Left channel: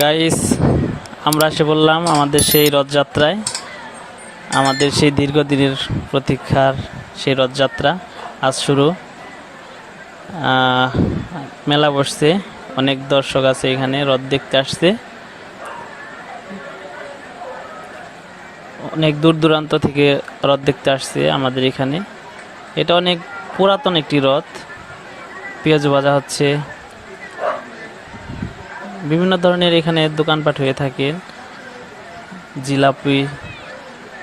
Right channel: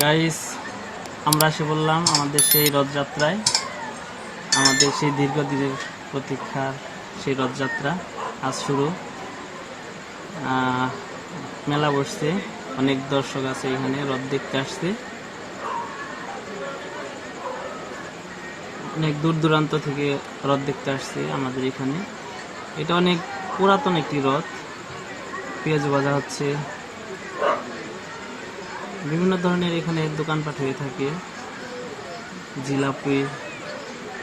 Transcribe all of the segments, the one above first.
Guys আমরা এসে বললাম আমাদের সেই রথযাত্রায়। আমাদের সেই দীর্ঘদিনের প্রতীক্ষার সেই রথযাত্রা আজ শুরু। মেলা বসছে। অনেক দর্শক আছে এখানে, রথ দেখতে আসছে। অনেক দূর দূরান্ত থেকে রথ দেখতে আসছে আমাদের এখানে। এটা অনেক পুরাতন একটি রথ। পেঁয়াজ ভাজা হচ্ছে। বিভিন্ন ধরনের এখানে দোকানপাট হয়ে থাকে। জিলাপি,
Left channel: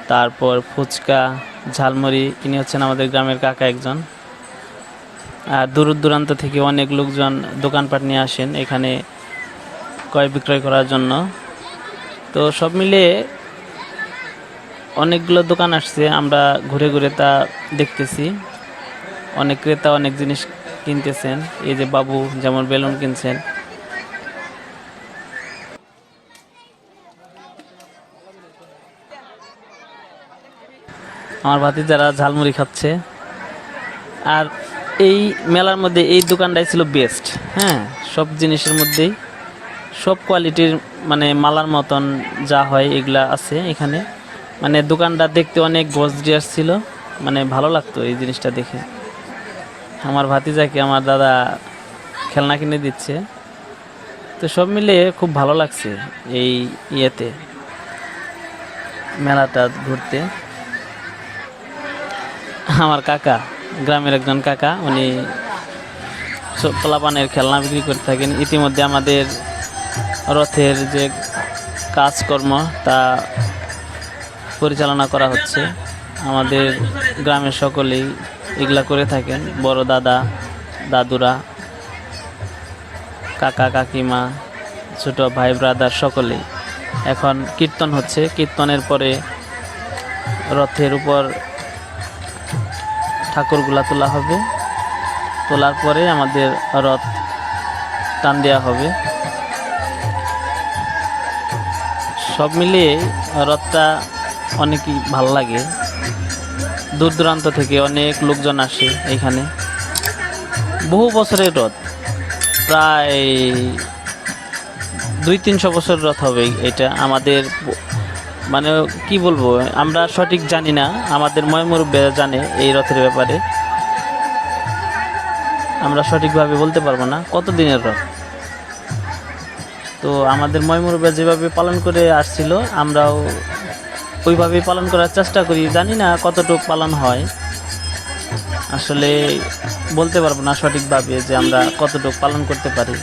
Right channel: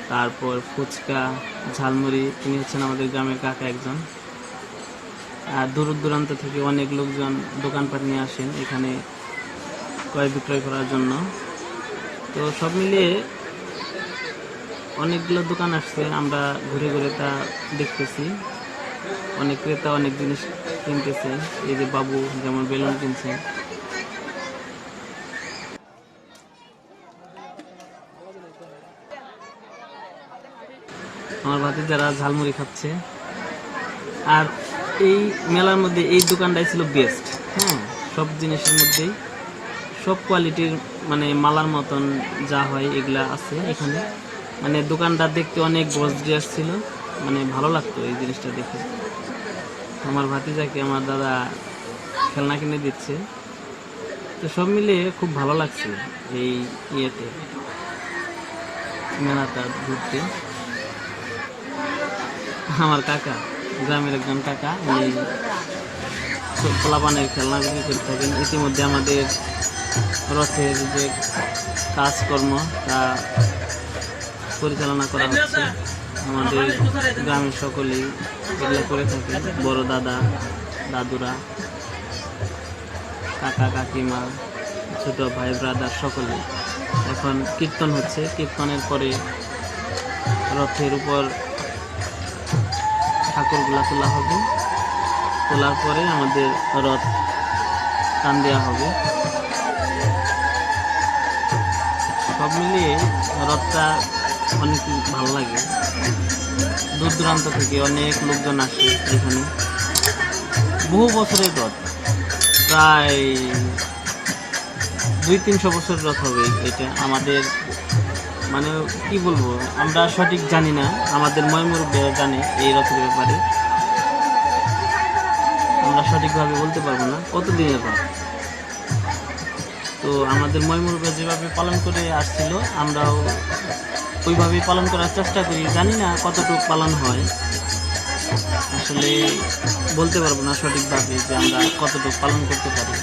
তারপর ফুচকা, ঝালমুড়ি। ইনি হচ্ছেন আমাদের গ্রামের কাকা একজন। দূর দূরান্ত থেকে অনেক লোকজন দোকানপাট নিয়ে আসেন এখানে ক্রয় বিক্রয় করার জন্য। তো সব মিলিয়ে অনেকগুলো দোকান আসছে, আমরা ঘুরে ঘুরে তা দেখতেছি। অনেক ক্রেতা অনেক জিনিস কিনতেছেন, এই যে বাবু যেমন বেলুন কিনছেন। আমার ভাতি যারা ঝালমুড়ি খাচ্ছে। আর এই মেলার মধ্যে এই দোকানটাই ছিল বেস্ট হ্যাঁ? সব জিনিসের মধ্যেই, সব কোয়ালিটির মানে মালার মতন যা হয় এগুলা আছে এখানে। মানে দোকানটা দেখতে অনেক গসডিয়াস ছিল মানে ভালো লাগতো এই জিনিসটা দেখে। আমার ভাতিজাকে আমার দাদা খেলনা কিনে দিচ্ছে। তো সব মিলে খুব ভালো লাগছে এই ইয়েতে, মেলাটা ঘুরতে। আমার কাকা গ্রামের একজন কাকা, উনি সব পোলাপানের খেলনা বিক্রি করে থাকেন। ইতিমধ্যে আমাদের রথের যে কাজকর্ম, তা পরিচালনা করা হচ্ছে। আমাদের গ্রামের সকলেই এগুলা করে থাকেন। বড় দাদা, দাদুরা, কাকা, কাকিমা, ছোট ভাই, ব্রাদার সকলেই এখন কীর্তন হচ্ছে। কীর্তনের পরে রথের উপর ঠাকুরগুলা তোলা হবে। তোলার পরে আমাদের রথ টান দেওয়া হবে। সব মিলিয়ে রথটা অনেকই ভালো লাগে। দূর দূরান্ত থেকে অনেক লোকজন আসে এখানে। বহু বছরের রথ। প্রায় দুই তিনশো বছর রথ হবে এটা আমাদের মানে কি বলব, আমরা সঠিক জানি না, আমাদের ময়মুরব্বীরা জানে এই রথের ব্যাপারে। আমরা সঠিকভাবে বলতে পারব না কত দিনের রথ? তো আমাদের ময়মুরব্বীরা যেভাবে পালন করে আসছিল, আমরাও ওইভাবেই পালন করার চেষ্টা করি। জানি না কতটুকু পালন হয়। আসলে বলতে পারব না সঠিকভাবে যে আমরা কতটুকু পালন করতে পারি।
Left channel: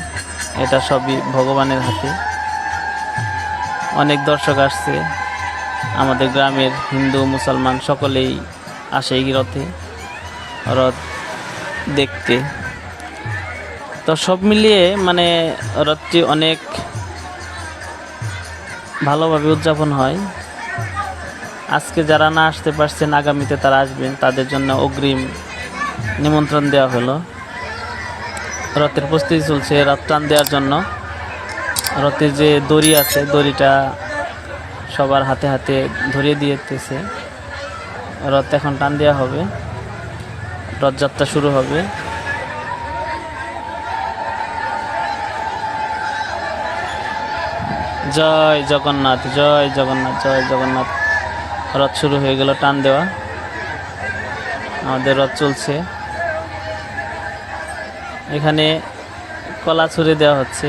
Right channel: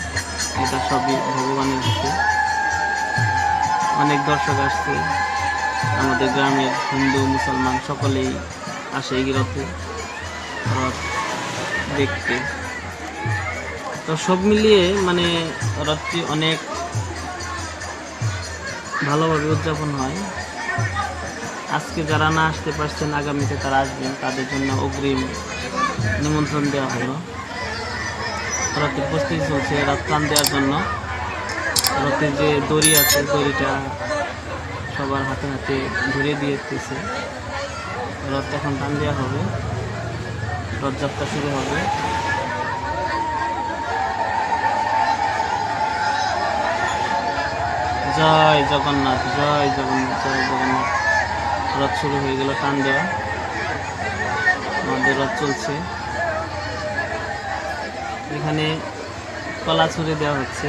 এটা সবই ভগবানের হাতে। অনেক দর্শক আসছে। আমাদের গ্রামের হিন্দু, মুসলমান সকলেই আসে এই রথে, রথ দেখতে। তো সব মিলিয়ে মানে রথটি অনেক ভালোভাবে উদযাপন হয়। আজকে যারা না আসতে পারছেন, আগামীতে তারা আসবেন, তাদের জন্য অগ্রিম নিমন্ত্রণ দেওয়া হলো। রথের প্রস্তুতি চলছে, রথ টান দেওয়ার জন্য। রথের যে দড়ি আছে, দড়িটা সবার হাতে হাতে ধরিয়ে দিয়েতেছে রথ এখন টান দেওয়া হবে। রথযাত্রা শুরু হবে। জয় জগন্নাথ জয় জগন্নাথ জয় জগন্নাথ। রথ শুরু হয়ে গেল টান দেওয়া। আমাদের রথ চলছে। এখানে কলা ছুড়ে দেওয়া হচ্ছে।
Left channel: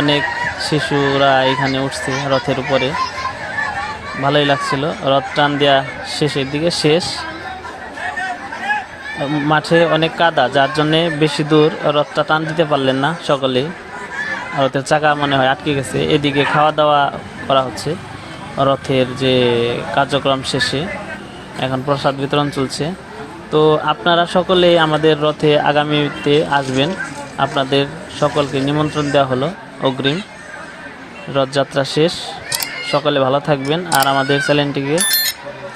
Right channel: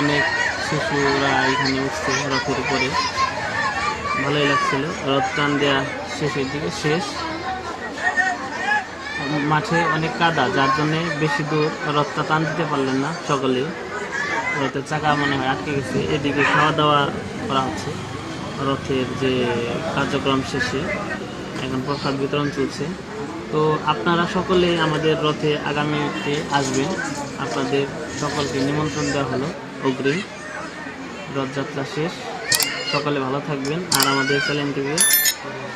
অনেক শিশুরা এখানে উঠছে রথের উপরে। ভালোই লাগছিল। রথ টান দেওয়া শেষের দিকে শেষ। মাঠে অনেক কাদা, যার জন্যে বেশি দূর রথটা টান দিতে পারলেন না সকলেই। রথের চাকা মনে হয় আটকে গেছে। এদিকে খাওয়া দাওয়া করা হচ্ছে। রথের যে কার্যক্রম শেষে এখন প্রসাদ বিতরণ চলছে। তো আপনারা সকলে আমাদের রথে আগামীতে আসবেন। আপনাদের সকলকে নিমন্ত্রণ দেওয়া হলো। অগ্রিম। রথযাত্রা শেষ। সকালে ভালো থাকবেন আর আমাদের চ্যানেলটিকে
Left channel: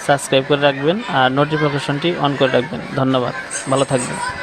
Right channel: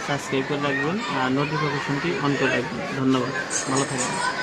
সাবস্ক্রাইব করে রাখবেন আর নোটিফিকেশনটি অন করে রাখবেন। ধন্যবাদ। ভালো থাকবেন।